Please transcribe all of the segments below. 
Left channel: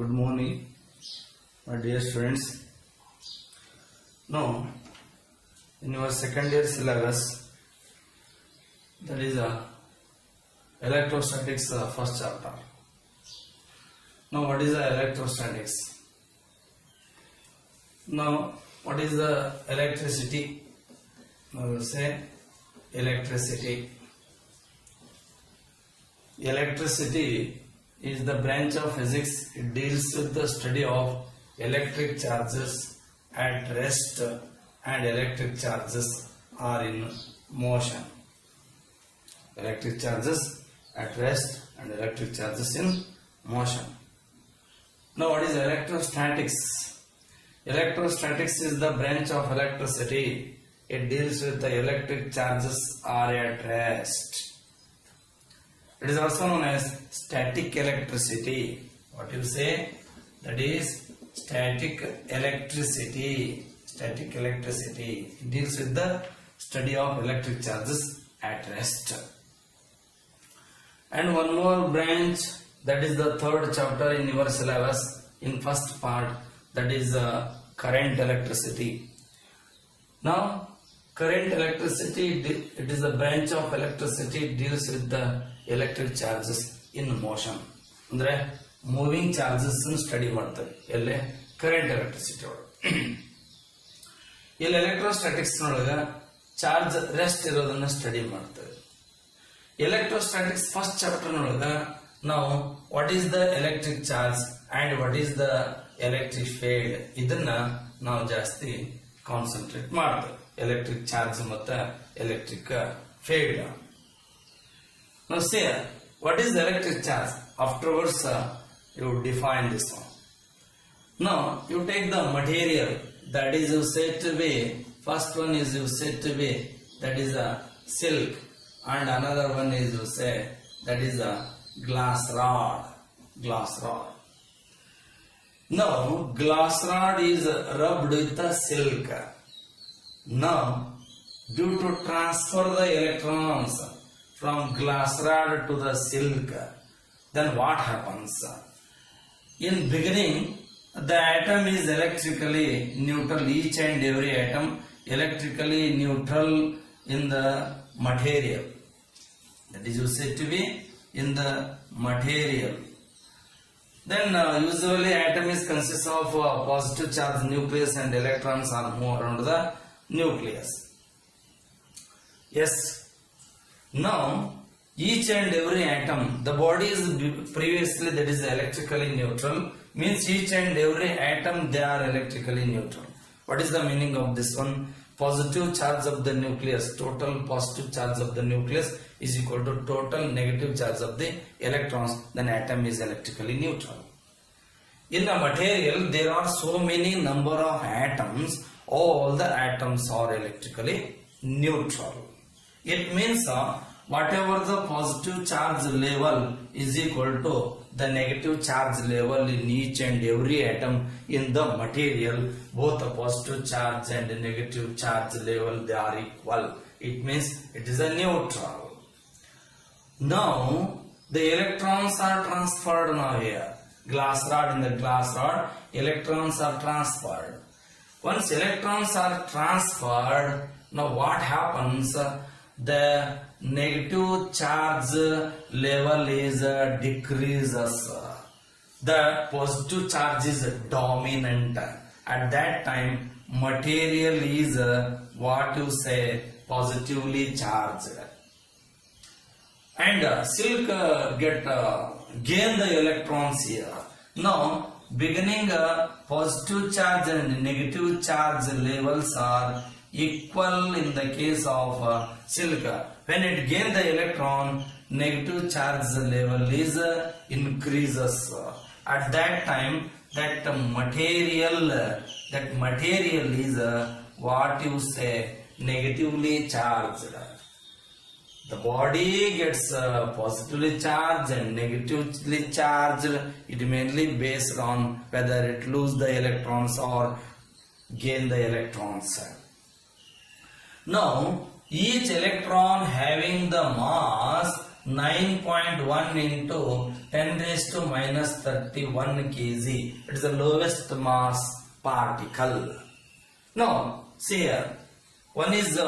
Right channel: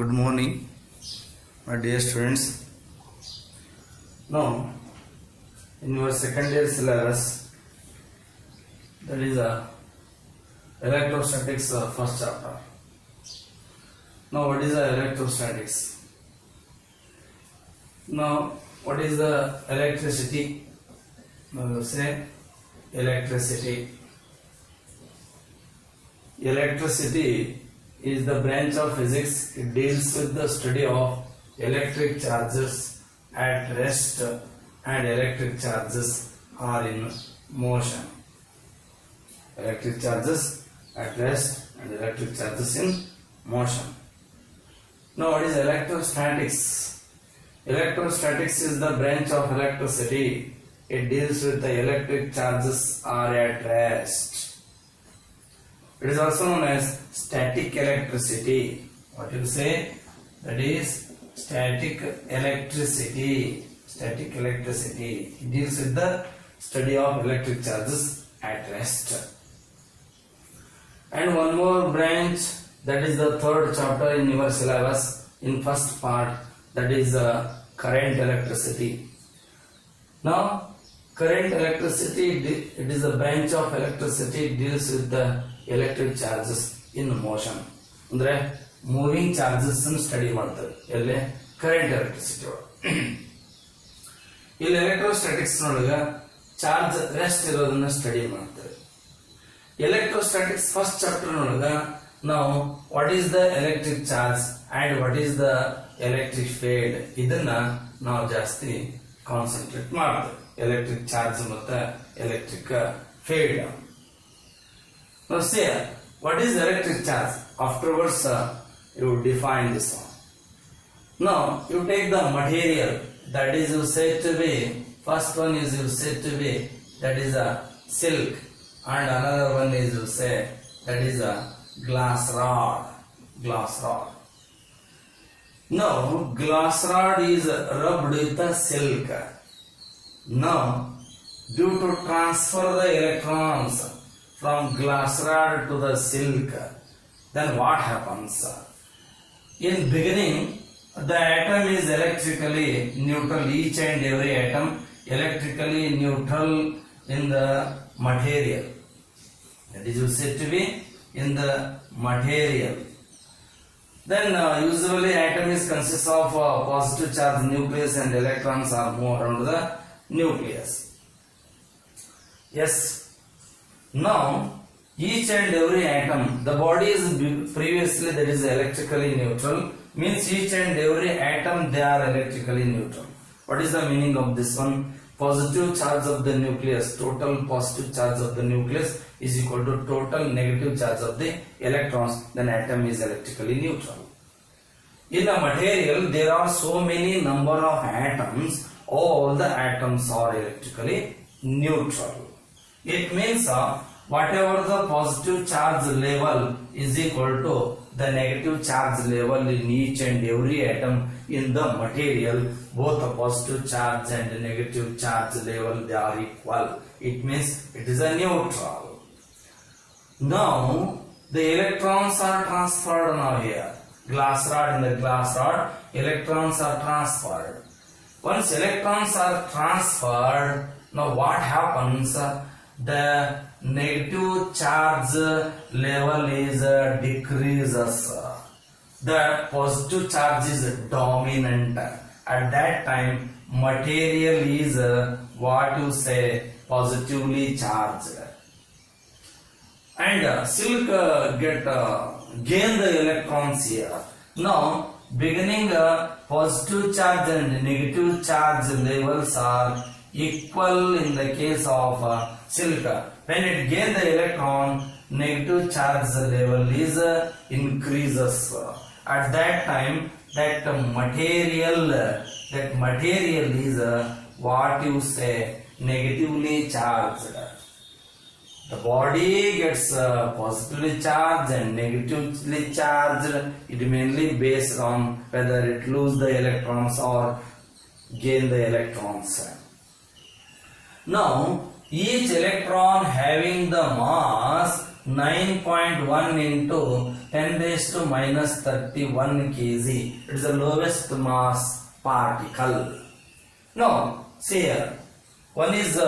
Good morning, my dear students. Now, in your second year syllabus, that is electrostatics first chapter. Now, what is the electrostatics? Now, what is the electricity? Now, you say electricity. Electricity is the branch of physics. It deals with the study of electric charges at rest and electric charges are in motion. Electric charges at rest and electric charges in motion. Now, what is electrostatics? Electrostatics is the branch of electricity. It deals with the electric charges are at rest. It is also known as static electricity. What you say? That is static electricity. Static electricity. It deals with the study of electric charges at rest. And one more branch, that is the third chapter in your syllabus, in first part, that is current electricity. Now, current electricity, it is a branch of electricity, it deals with the electric charges in motion. ಅಂದ್ರೆ moving charges study ಮಾಡ್ತಾರೆ ಎಲ್ಲಿ current electricity ಒಳಗೆ. ಇಲ್ಲಿ electrostatics ನೊಳಗ charge rest ಇರೋದನ್ನ study ಮಾಡ್ತಾರೆ. Electrostatics first chapter ನೊಳಗ ನಾವು what is the electric charge and what is the electric field ಇದನ್ನ ನಾವು ಜಾಸ್ತಿ ಕಾನ್ಸಂಟ್ರೇಟ್ ಮಾಡ್ತೇವೆ. ಎಲೆಕ್ಟ್ರಿಕ್ ಚಾರ್ಜ್ ಮತ್ತೆ electric field. Now see, what is electric charge? Afterwards, you define this one. Now, you take the material that is you said to be, first one is you said to be, that is a silk, and another one is you say, that is a glass rod. Glass rod. Now, glass rod is rubbed with the silk. Now, due to transfer the electrons from glass rod to the silk, then what happens? In beginning, the atom is electrically neutral. Each and every atom electrically neutral in the material. That is said to be in the material. Then usually atom is consists of positive charge nucleus and electrons are moved around the nucleus. Yes. Now, each and every atom, the body is previously that is electrically neutral, means each and every atom they are electrically neutral. What is the meaning of this one? Positive charge of the nucleus, total positive charge of the nucleus is equal to total negative charge of the electrons, then atom is electrically neutral. In a material, there are so many number of atoms, all the atoms are electrically neutral. It means whatever the positive charge level is equal to the negative charge level in each and every atom in the material, both the positive charge and the negative charge level they are equal. It means it is a neutral. Now the electrons are transferred now here. Glass rod, in the glass rod, electrons are transferred. Once electrons are transferred, now what happens? The negative charge level is decreases. The positive charge is dominant. At that time, material is what you say positively charged. And silk gain the electrons here. Now, beginning positive charge and negative charge levels are equal in the case of silk. When it gains the electron, negative charge level is increases. At that time, that material is what you say negatively charged. The body gets positively charged and negatively charged. It mainly based on whether it lose the electrons or gain the electrons. Now, each electron having the mass 9.1 into 10 raised to minus 31 kg. It is the lowest mass particle. Now, see here. One is,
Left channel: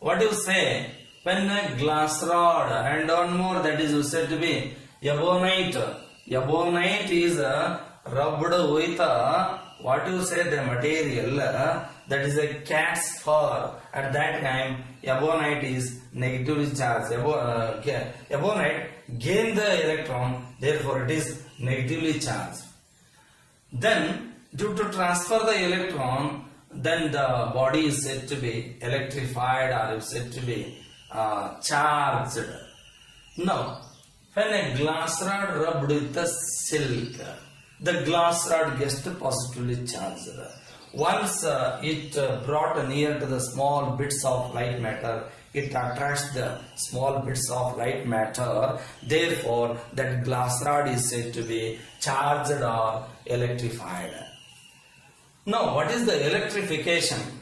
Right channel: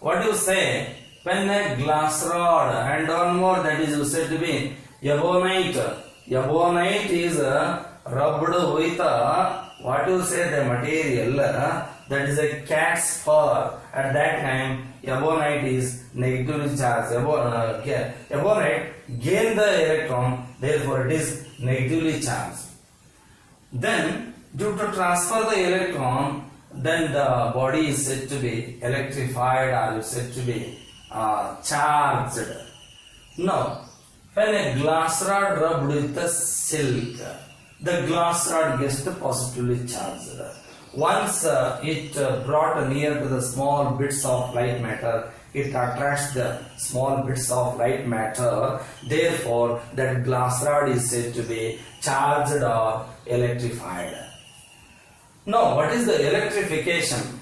what do you say? When a glass rod and one more, that is said to be ebonite. Ebonite is rubbed with what you say, the material that is a cat's fur. At that time, ebonite is negatively charged. Ebonite gain the electron, therefore it is negatively charged. Then, due to transfer the electron, then the body is said to be electrified or is said to be charged. Now, when a glass rod rubbed with the silk, the glass rod gets positively charged. Once it brought near to the small bits of light matter, it attracts the small bits of light matter. Therefore, that glass rod is said to be charged or electrified. Now, what is the electrification?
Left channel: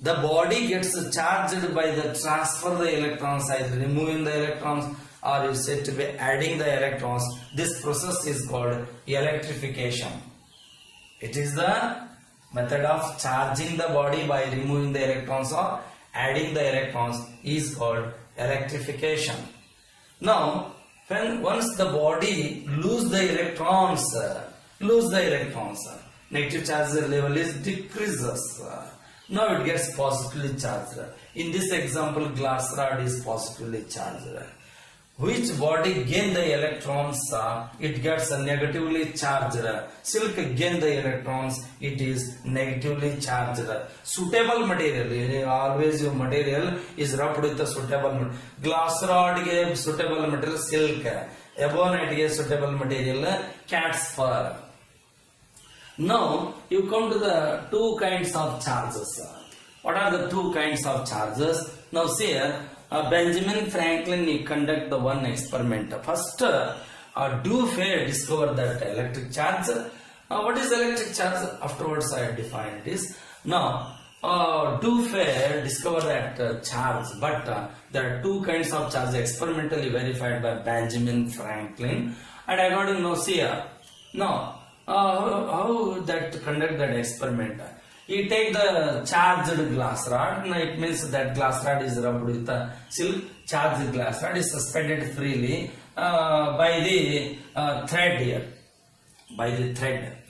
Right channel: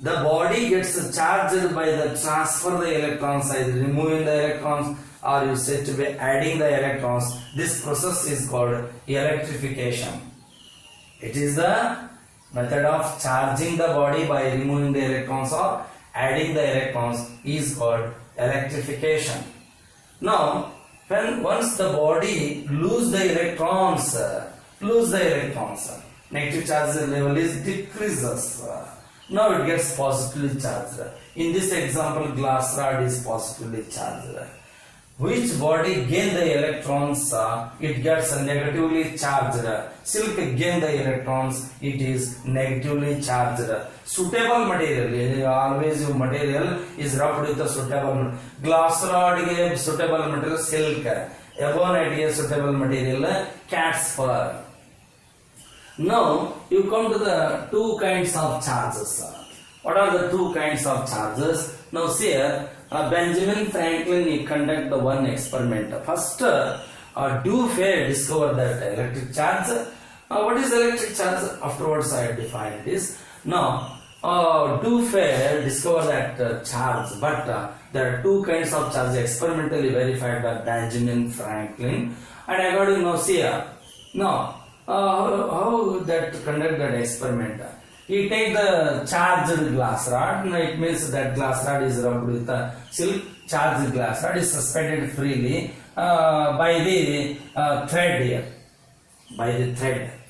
The body gets charged by the transfer the electrons, either removing the electrons or you said to be adding the electrons. This process is called electrification. It is the method of charging the body by removing the electrons or adding the electrons is called electrification. Now, when once the body lose the electrons, negative charge level is decreases. Now it gets positively charged. In this example, glass rod is positively charged. Which body gain the electrons? It gets negatively charged. Silk gain the electrons. It is negatively charged. Suitable material, always your material is rubbed with the suitable. Glass rod gave suitable material silk. Ebonite gave suitable material cat's fur. Now you come to the two kinds of charges. What are the two kinds of charges? Now see here, Benjamin Franklin he conduct the one experiment. First, Dufay discovered that electric charge. What is electric charge? Afterwards I have defined this. Now, Dufay discovered that charge, but there are two kinds of charge experimentally verified by Benjamin Franklin. And according to see here, now how that conduct that experiment? You take the charged glass rod. Now it means that glass rod is rubbed with the silk. Charged glass rod is suspended freely by the thread here. By the thread.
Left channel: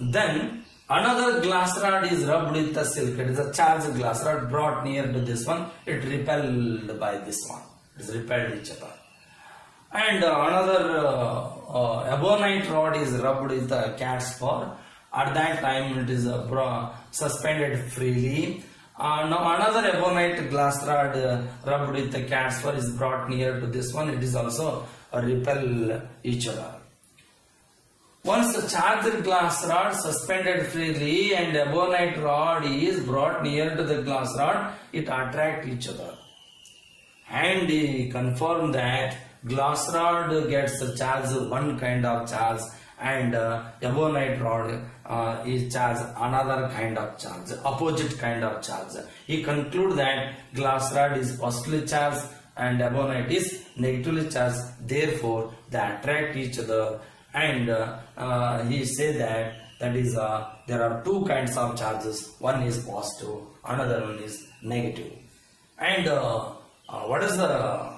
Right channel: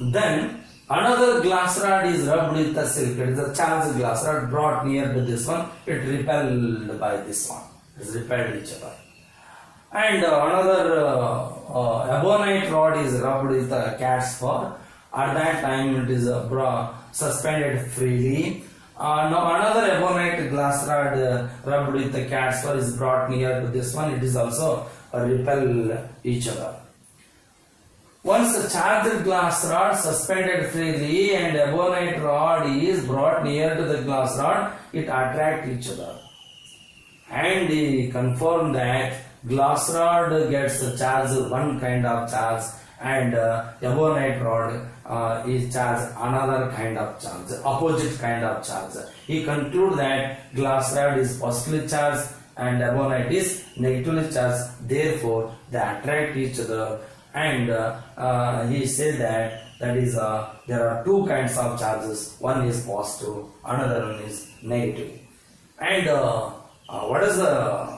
Then another glass rod is rubbed with the silk. It is a charged glass rod brought near to this one. It repelled by this one. It is repelled each other. And another ebonite rod is rubbed with the cat's fur. At that time it is suspended freely. Now another ebonite glass rod rubbed with the cat's fur is brought near to this one. It is also repel each other. Once the charged glass rod suspended freely and ebonite rod is brought near to the glass rod, it attract each other. And he confirmed that glass rod gets the charge, one kind of charge, and ebonite rod is charged another kind of charge, opposite kind of charge. He concluded that glass rod is positively charged and ebonite is negatively charged. Therefore, they attract each other. And he said that is there are two kinds of charges. One is positive, another one is negative. And what is the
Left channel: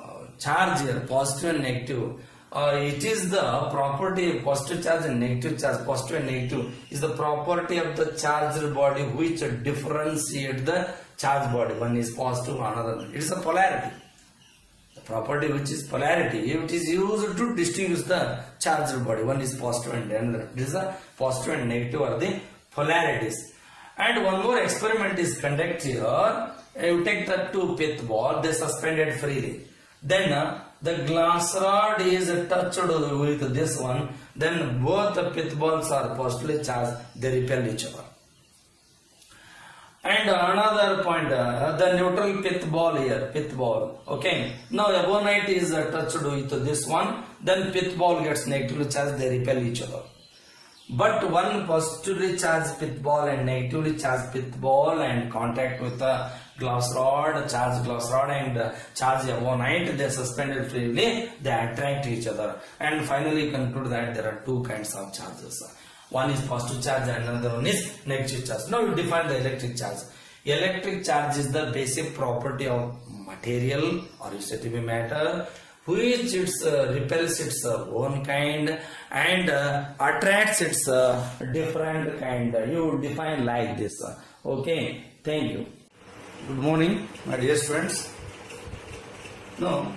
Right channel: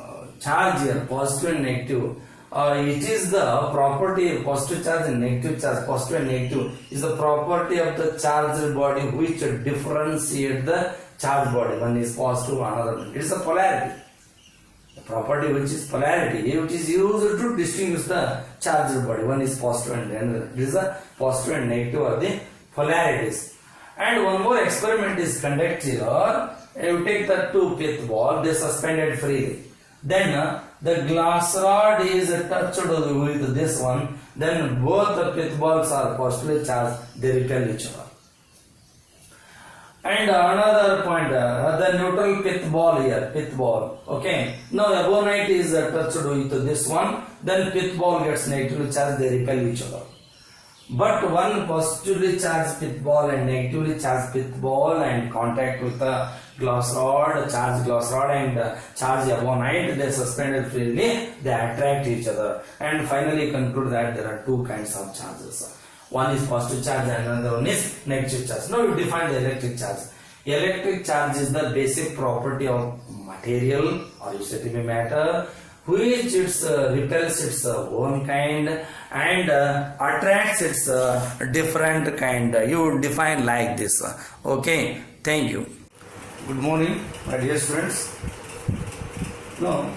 charge here? Positive and negative. It is the property, positive charge and negative charge. Positive and negative is the property of the charged body which differentiate the charged body. One is positive, another. It is a polarity. The property which is polarity, it is used to distinguish the charged body. One is positive and another. It is the positive and negative are the polarities. And one more experiment is conducted here. You take the two pith ball, they suspended freely. Then the glass rod is touched with this one. Then both the pith balls are positively charged. They repel each other. And another point, the neutral pith ball here, pith ball. Okay. Now ebonite is touched with this one. Then pith ball gets negatively charged. They repel each other. But one positively charged pith ball and negatively charged pith ball and contact with a glass rod, charged glass rod and charged avonite, they suspended freely, they attract each other. And finally conclude that there are two kinds of charges. One is positive charge and another one is negative charge. Now you define the electric charge. Electric charge is the basic property of material, or you say to be matter, which it repels its own kind and attracts its different kind. You define like this. Okay, thank you. Good morning, my dear students. Now,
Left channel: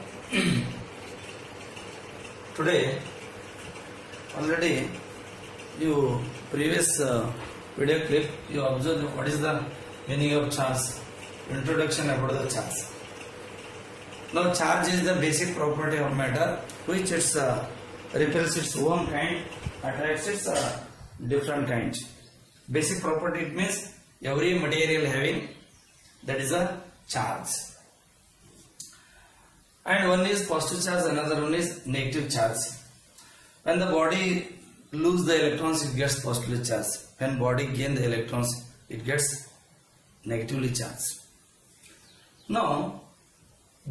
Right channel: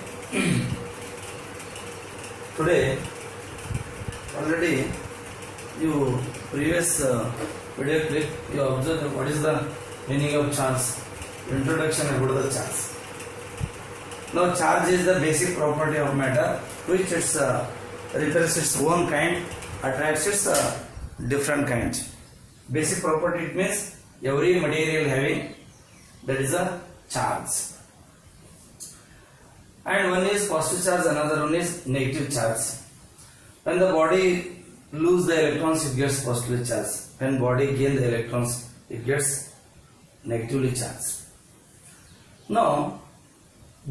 today already you previous video clip you observed what is the meaning of charge, introduction about the charge. Now charge is the basic property of matter which it repels its own kind, attracts its different kind. Basic property, it means every material having, that is a charge. And one is positive charge, another one is negative charge. When the body lose the electrons, it gets positively charged. When body gain the electrons, it gets negatively charged. Now,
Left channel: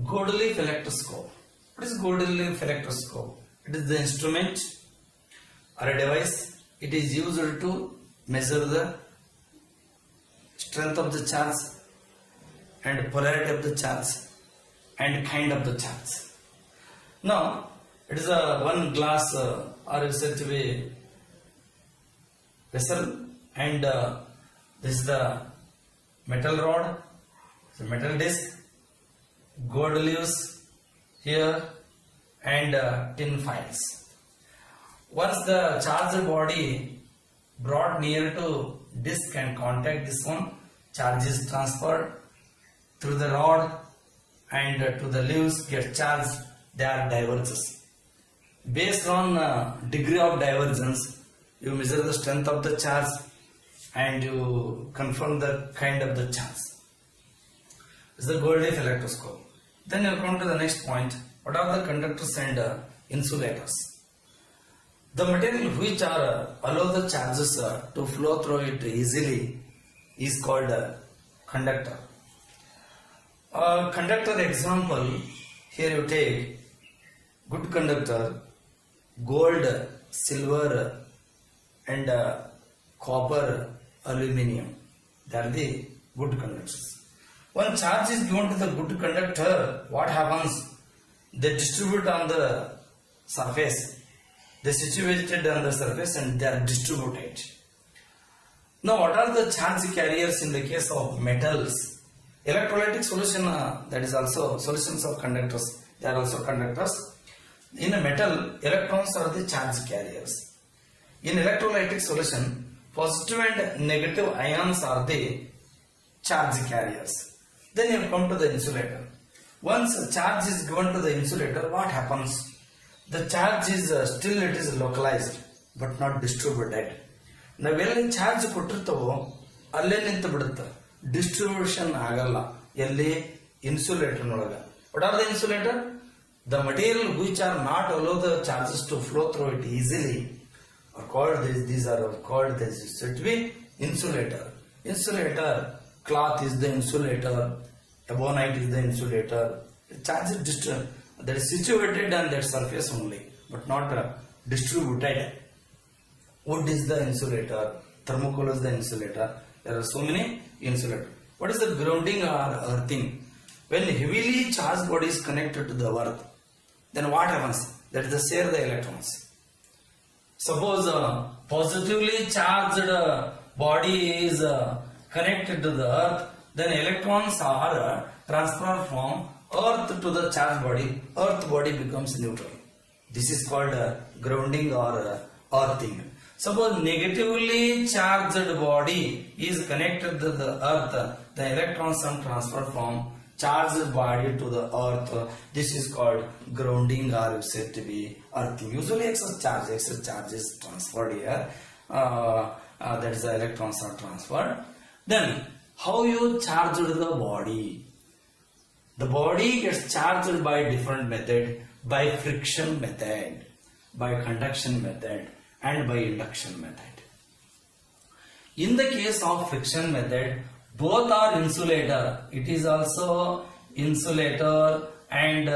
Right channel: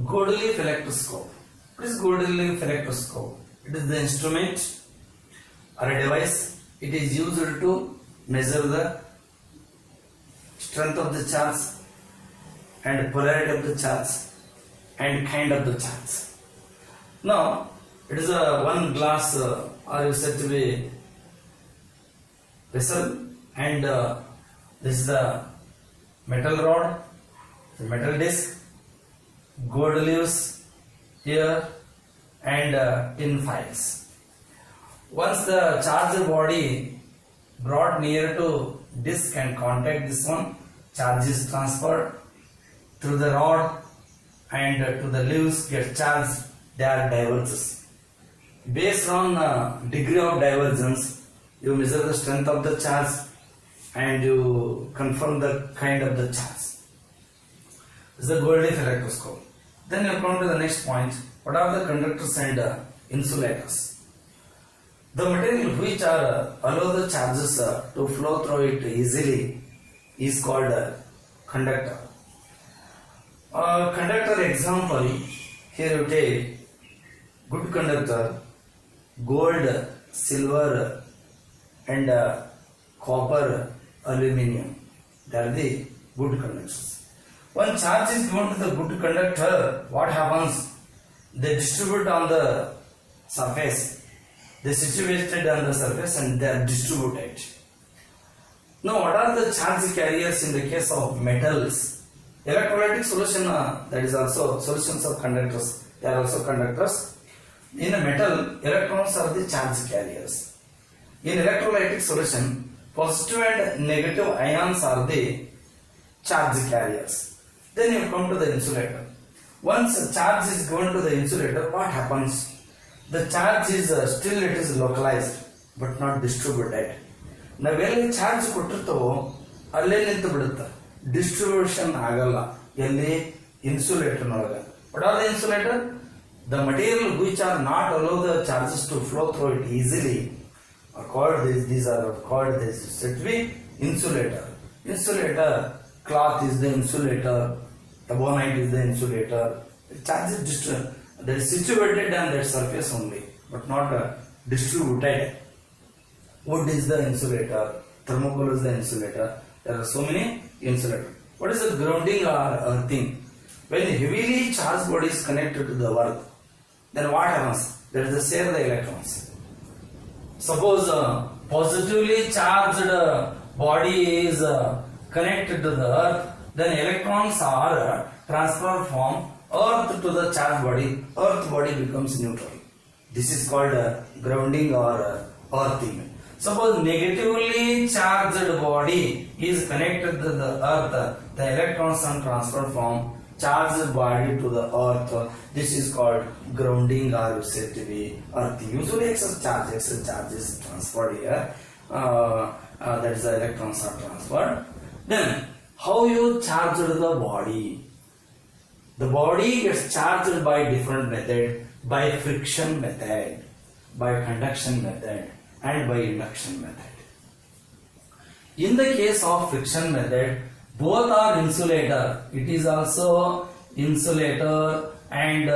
gold leaf electroscope. What is gold leaf electroscope? It is the instrument or a device. It is used to measure the strength of the charge and polarity of the charge and kind of the charge. Now, it is a one glass or is said to be vessel, and this is the metal rod, the metal disc, gold leaves here and tin files. Once the charged body brought near to disc and contact this one, charge is transferred through the rod and to the leaves get charged, they are diverges. Based on degree of divergence, you measure the strength of the charge and you confirm the kind of the charge. This is the gold leaf electroscope. Then you come to the next point. What are the conductors and insulators? The material which are allow the charges to flow through it easily is called conductor. Conductor example, here you take good conductor, gold, silver and copper, aluminium. They are the good conductors. When charge is given to the good conductor, what happens? They distribute on the surface. They situated on the surface and they are distributed. Now, what are the charge carriers in the case of metals? Electrolytic solution, that is also solutions of conductors. They are also conductors. In a metal, electrons are the charge carriers. In electrolytic solution, positive and negative ions are the charge carriers. Then you come to the insulator. Once a charge is given to the insulator, what happens? The charge is still it is localized but not distributed. ನಾವೆಲ್ಲಿ charge ಕೊಟ್ಟಿರ್ತವೋ ಅಲ್ಲೇ ನಿಂತು ಬಿಡುತ್ತೆ, distribution ಆಗಲ್ಲ. ಎಲ್ಲಿ? ಇನ್ಸುಲೇಟರ್ನೊಳಗೆ. What are the insulator? The material which are not allow the charges to flow through it easily are called these are called this said to be insulator. Insulator, cloth is the insulator, ebonite is the insulator. The charge is that is situated on that surface only but not distributed. Wood is the insulator, thermocol is the insulator. There are so many insulators. What is the grounding or earthing? When heavily charged body is connected to the earth, then what happens? That is the share the electrons. Suppose positively charged body is connected to the earth, then electrons are transferred from earth to the charged body. Earth body becomes neutral. This is called grounding or earthing. Suppose negatively charged body is connected to the earth, the electrons are transferred from charged body to the earth. This is called grounding or said to be earthing. Usually excess charge is transferred here. That is the electrons are transferred. Then how you charge the body? The body gets charged by different method, by friction method, by conduction method, and by induction method. In the case of friction method, both are insulator. It is also insulator and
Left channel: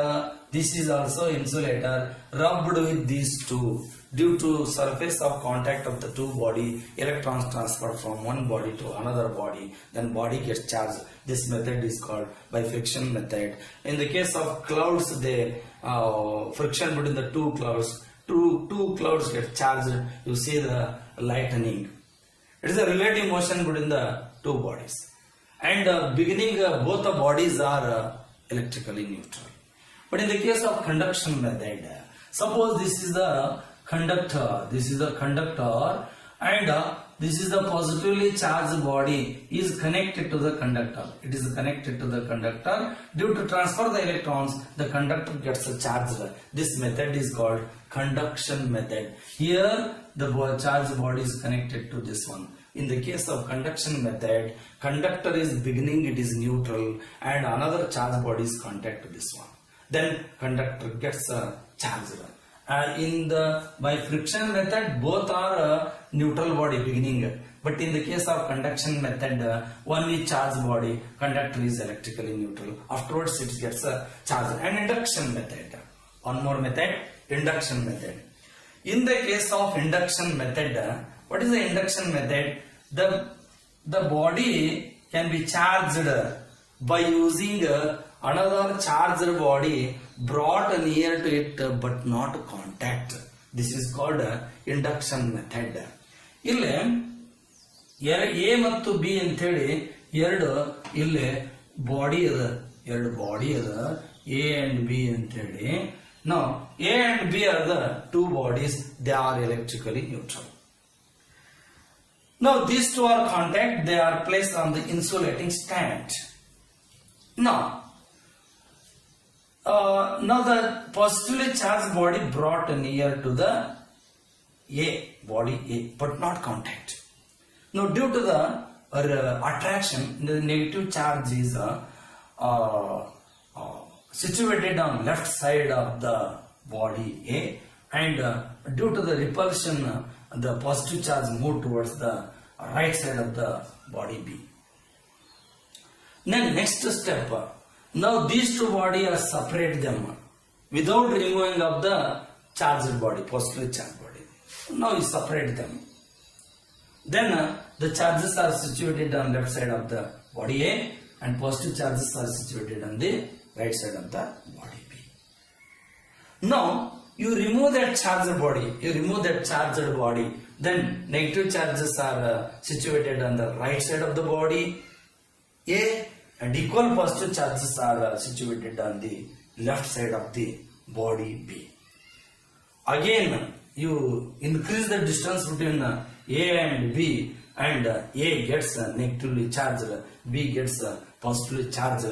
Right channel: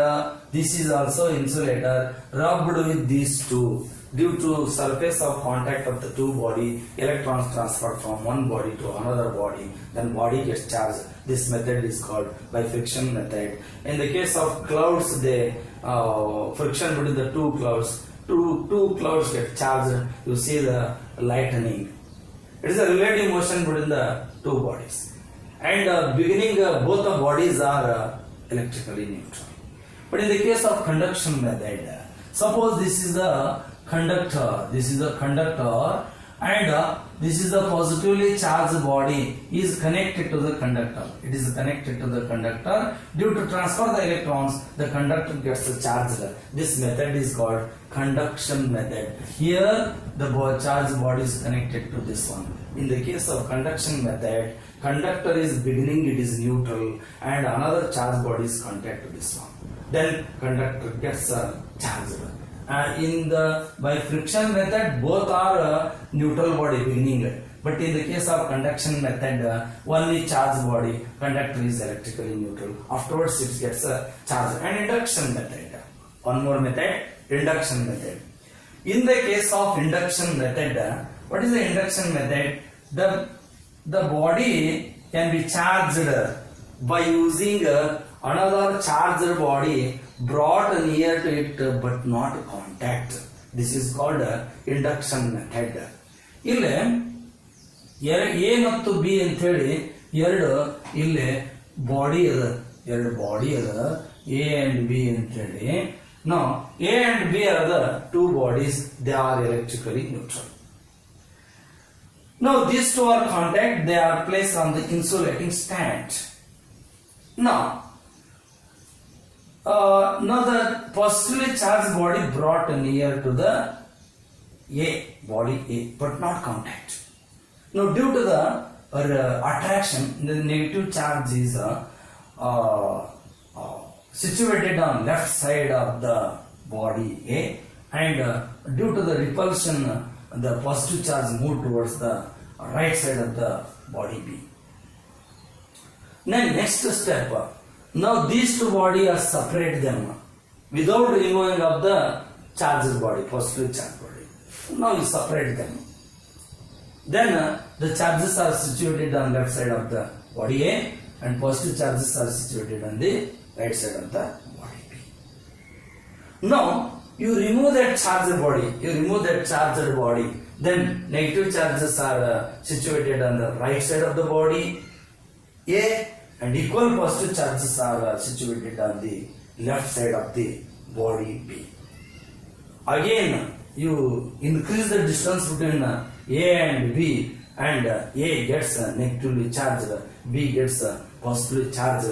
this is also insulator rubbed with these two. Due to surface of contact of the two body, electrons transfer from one body to another body, then body gets charged. This method is called by friction method. In the case of clouds, the friction between the two clouds, two clouds get charged. You see the lightning. It is a relative motion between the two bodies. And beginning, both the bodies are electrically neutral. But in the case of conduction method, suppose this is the conductor, and this is the positively charged body is connected to the conductor. It is connected to the conductor. Due to transfer the electrons, the conductor gets charged. This method is called conduction method. Here the charged body is connected to this one. In the case of conduction method, conductor is beginning, it is neutral, and another charged body is contact to this one. Then conductor gets charged. By friction method, both are neutral body beginning. But in the case of conduction method, one is charged body, conductor is electrically neutral. Afterwards, it gets charged. And induction method. One more method, induction method. In the case of induction method, what is the induction method? The body can be charged by using another charged body brought near to it but not contact. This is called induction method. ಇಲ್ಲಿ A ಮತ್ತು B ಅಂತ ಹೇಳಿ ಇಲ್ಲಿ body ಅದ, ಎರಡು body ಅದ, A and B ಅಂತ ಹೇಳಿ. Now A and B are the two bodies, they are electrically neutral. Now these two are contact, they are placed on the insulating stand. Now the positively charged body brought near to the body A, but not contact. Now due to the attraction, the negative charge is situated on left side of the body A, and due to the repulsion, the positive charge moved towards the right side of the body B. Then next step, now these two bodies are separate them without removing of the charged body, positively charged body. Now we separate them. Then the charges are situated on left side of the body A, and positive charges are situated on the right side of the body B. Now you remove that charged body, then negative charges are situated on the right side of the body A, and equal positive charges are situated on the left side of the body B. Again you increase the distance between A and B, and A gets negatively charged, B gets positively charged.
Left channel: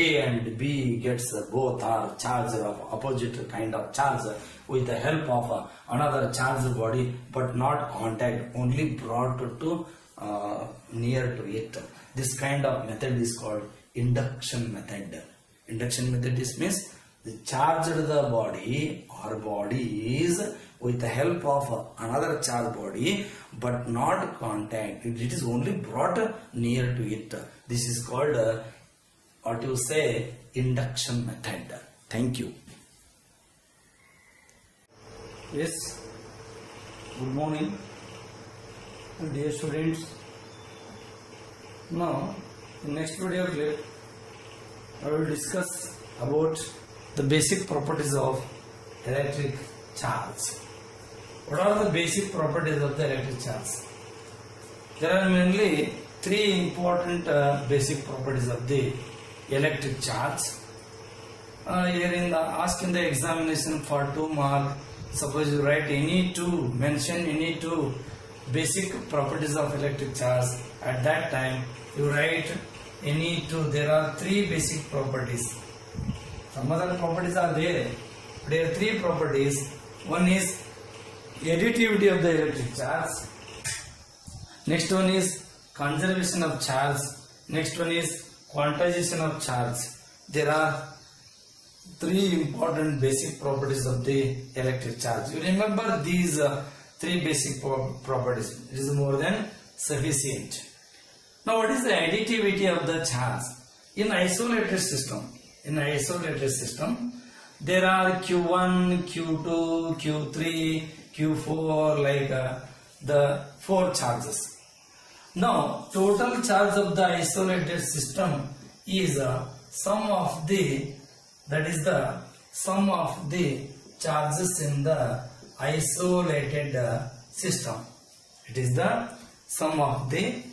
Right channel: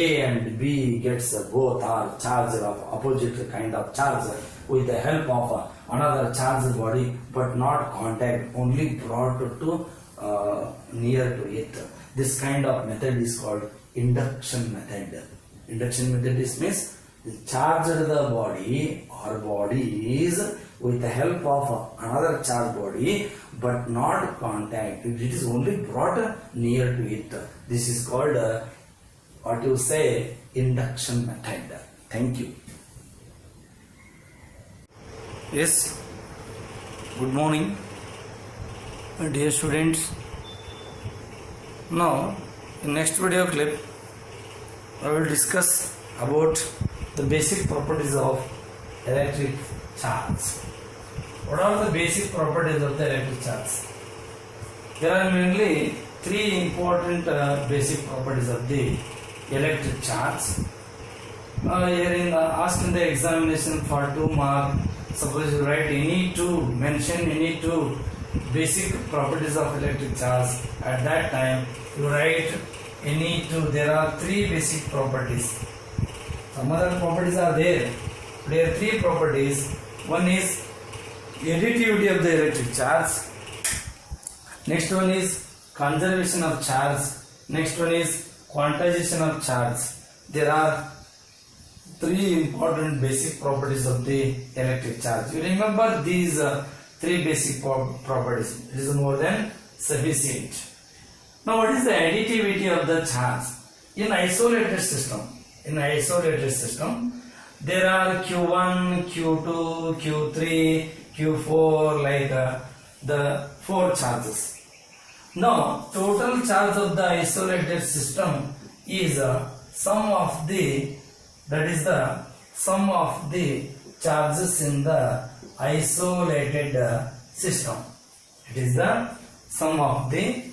A and B gets both are charged of opposite kind of charge with the help of another charged body, but not contact, only brought to near to it. This kind of method is called induction method. Induction method means the charged the body or bodies with the help of another charged body, but not contact. It is only brought near to it. This is called induction method. Thank you. Yes, good morning, dear students. Now in next video clip I will discuss about the basic properties of electric charge. What are the basic properties of the electric charge? There are mainly three important basic properties of the electric charge. Asked in the examination for 2 marks, suppose you write mention any two basic properties of electric charge. At that time you write any two. There are three basic properties. Some other properties are there. There are three properties. One is additivity of the electric charge. Next one is conservation of charge. Next one is quantization of charge. There are three important basic properties of the electric charge. You remember these three basic properties. It is more than sufficient. Now what is the additivity of the charge? In isolated system, there are Q1, Q2, Q3, Q4, like the 4 charges. Now total charge of the isolated system is sum of the charges in the isolated system. It is the sum of the,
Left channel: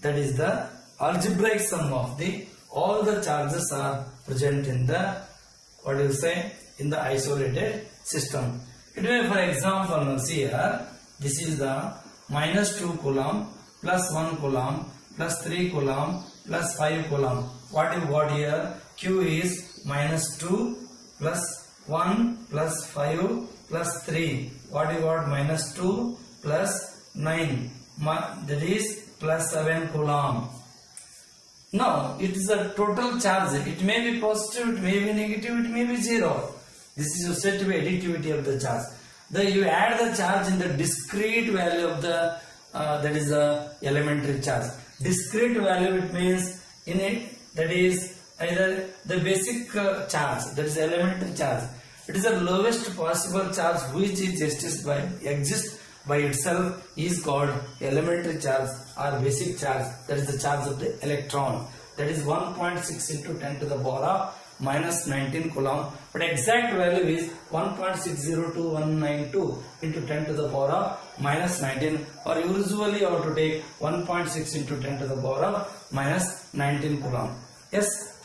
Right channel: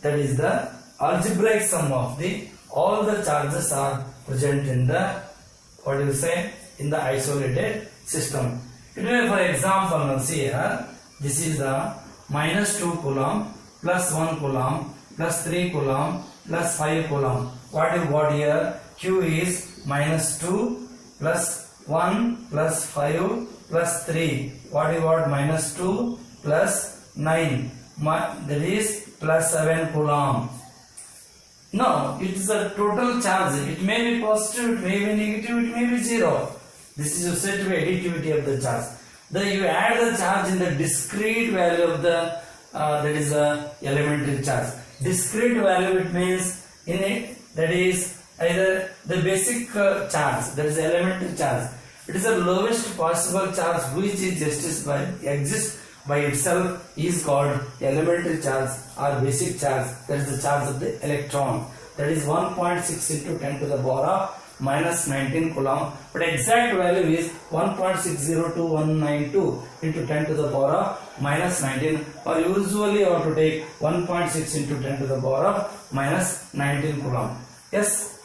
that is the algebraic sum of the all the charges are present in the, what do you say, in the isolated system. It may, for example, now see here, this is the minus 2 coulomb plus 1 coulomb plus 3 coulomb plus 5 coulomb. What you got here? Q is minus 2 plus 1 plus 5 plus 3. What you got? Minus 2 plus 9. That is plus 7 coulomb. Now it is a total charge. It may be positive, it may be negative, it may be 0. This is said to be additivity of the charge. Then you add the charge in the discrete value of the that is the elementary charge. Discrete value, it means in it, that is either the basic charge, that is elementary charge. It is the lowest possible charge which is exists by itself is called elementary charge or basic charge. That is the charge of the electron. That is 1.6 into 10 to the power of minus 19 coulomb. But exact value is 1.602192 into 10 to the power of minus 19. Or usually you have to take 1.6 into 10 to the power of minus 19 coulomb. Yes.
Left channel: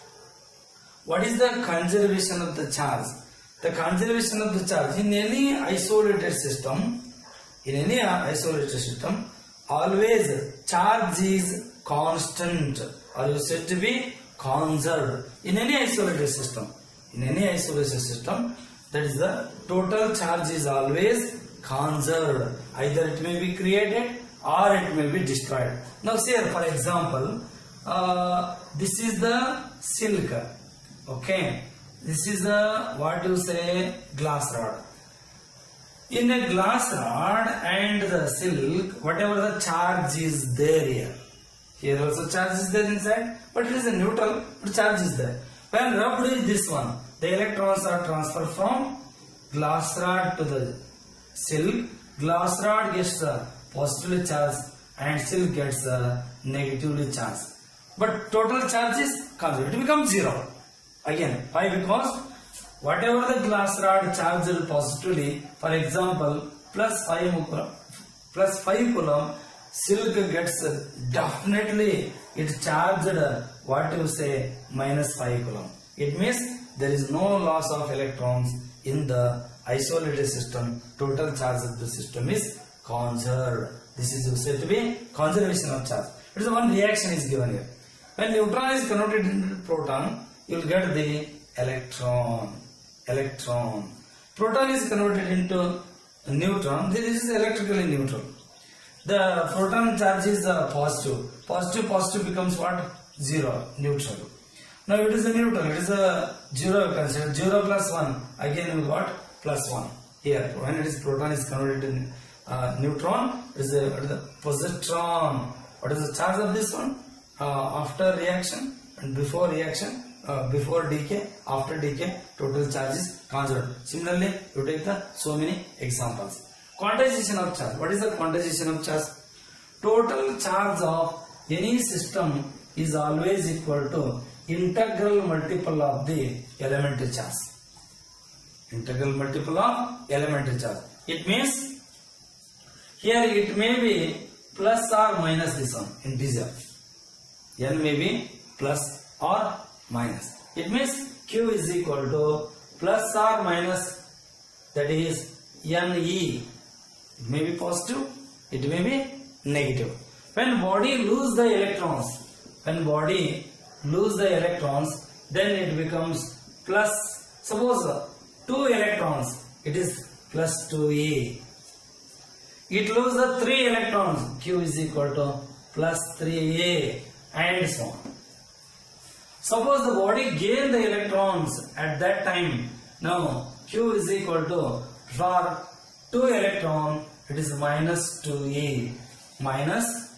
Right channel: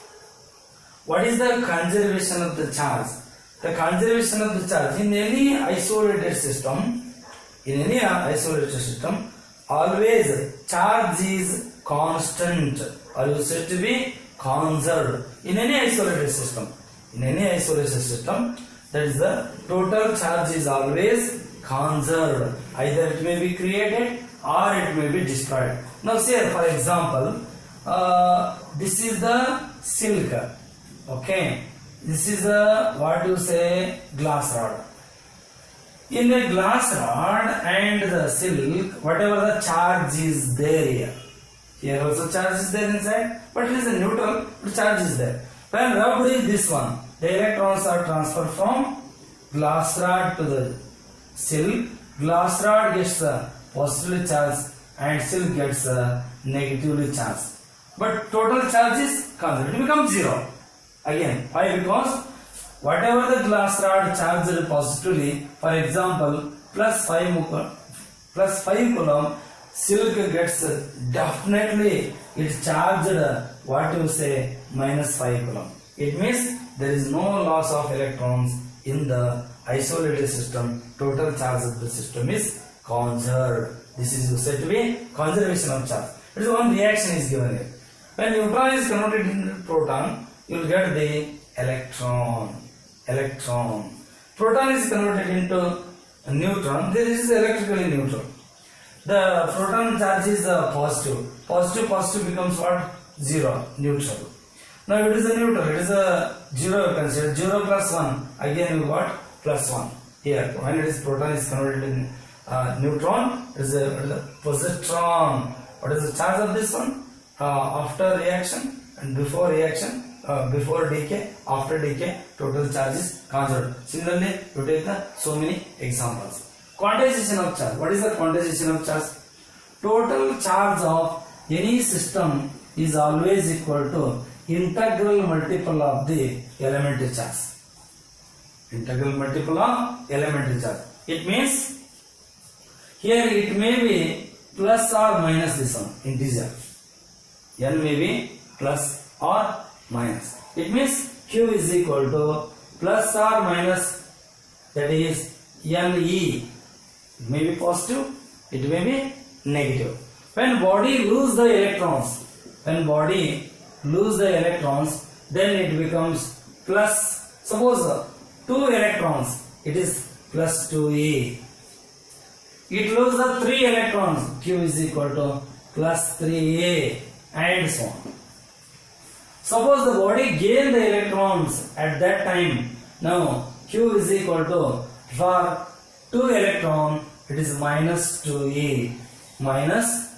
What is the conservation of the charge? The conservation of the charge in any isolated system. Always charge is constant or you said to be conserved in any isolated system. That is the total charge is always conserved. Either it may be created or it may be destroyed. Now say for example, this is the silk. Okay, this is a, what you say, glass rod. In a glass rod and the silk, whatever the charge is there here also charge is there inside, but it is a neutral, but charge is there. When rubbed with this one, the electrons are transferred from glass rod to the silk. Glass rod gets positively charged and silk gets negatively charged. But total charge is constant. It becomes 0. Again, why? Because whatever the glass rod charged positively, for example, plus 5 coulomb, silk gets definitely it charged, what you say, minus 5 coulomb. It means there is no loss of electrons in the isolated system. Total charge of the system is conserved. This is said to be conservation of charge. It is one reaction is given here. When neutron is converted into proton, you will get the electron. Proton is converted into a neutron. This is electrically neutral. The proton charge is positive. Positive becomes what? 0, neutral. Now it is a neutral. It is a 0. Consider 0 plus 1. Again you got plus 1 here. When it is proton is converted in neutron, it is a positron. What is the charge of this one? After reaction and before reaction. Before decay, after decay, total charge is conserved. Similarly, you take so many examples. Quantization of charge. What is the quantization of charge? Total charge of any system is always equal to integral multiple of the elementary charge. Integral multiple of elementary charge. It means here it may be plus or minus this one, integer. N may be plus or minus. It means Q is equal to plus or minus, that is Ne. It may be positive, it may be negative. When body lose the electrons, then it becomes plus. Suppose 2 electrons, it is plus 2A. It loses the 3 electrons, Q is equal to plus 3A, and so on. Suppose the body gain the electrons at that time. Now Q is equal to, for 2 electron, it is minus 2e, minus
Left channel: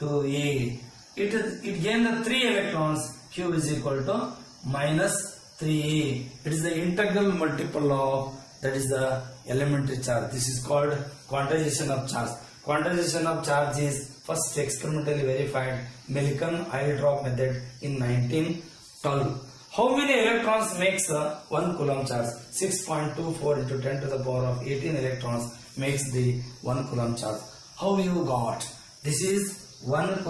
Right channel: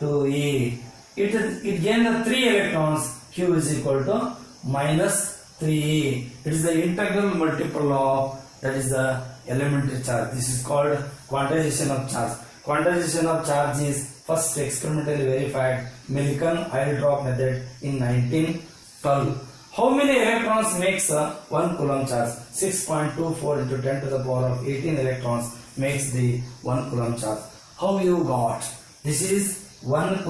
2e. It gained 3 electrons, q is equal to minus 3e. It is the integral multiple of, that is the elementary charge. This is called quantization of charge. Quantization of charge is first experimentally verified Millikan oil drop method in 1912. How many electrons makes 1 coulomb charge? 6.24 into 10 to the power of 18 electrons makes the 1 coulomb charge. How you got? This is 1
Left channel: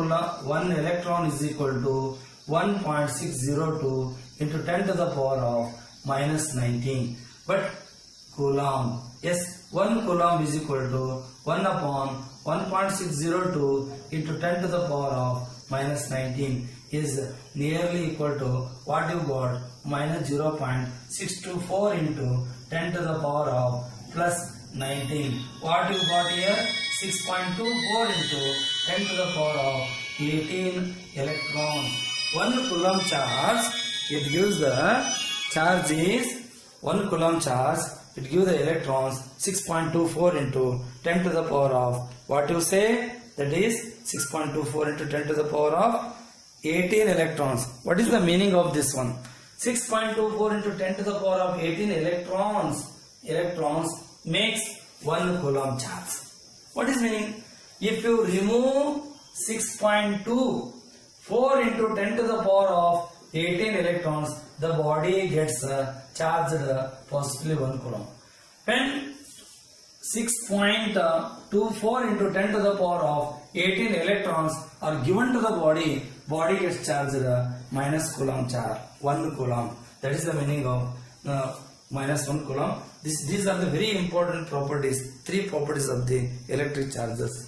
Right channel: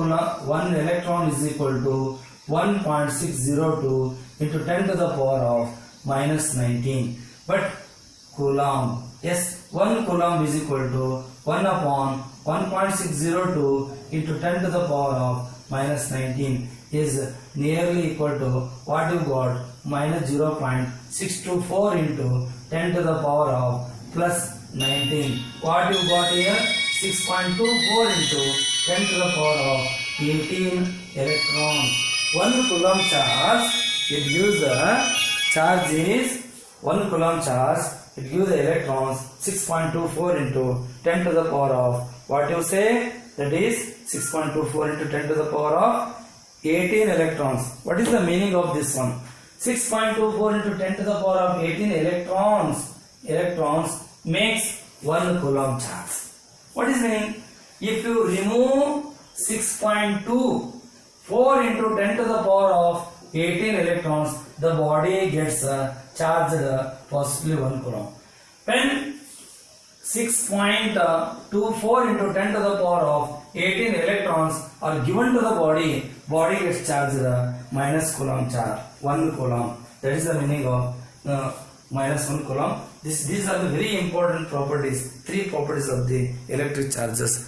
electron is equal to 1.602 into 10 to the power of minus 19. But coulomb, yes, 1 coulomb is equal to 1 upon 1.602 into 10 to the power of minus 19 is nearly equal to what you got, minus 0.624 into 10 to the power of plus 19. What you got here? 6.24 into 10 to the power of 18 electrons. 1 coulomb charge, it gives the charge is 1 coulomb charge, it gives the electrons 6.24 into 10 to the power of, what you say, that is 6.24 into 10 to the power of 18 electrons. What is the meaning of this one? 6.24 into 10 to the power of 18 electrons makes 1 coulomb charge. What is meaning? If you remove 6.24 into 10 to the power of 18 electrons, the body gets charged possibly 1 coulomb. When 6.24 into 10 to the power of 18 electrons are given to the body gets charged minus coulomb charge, 1 coulomb. That is the meaning of minus 1 coulomb. These are the very important properties, 3 properties of the electric charges.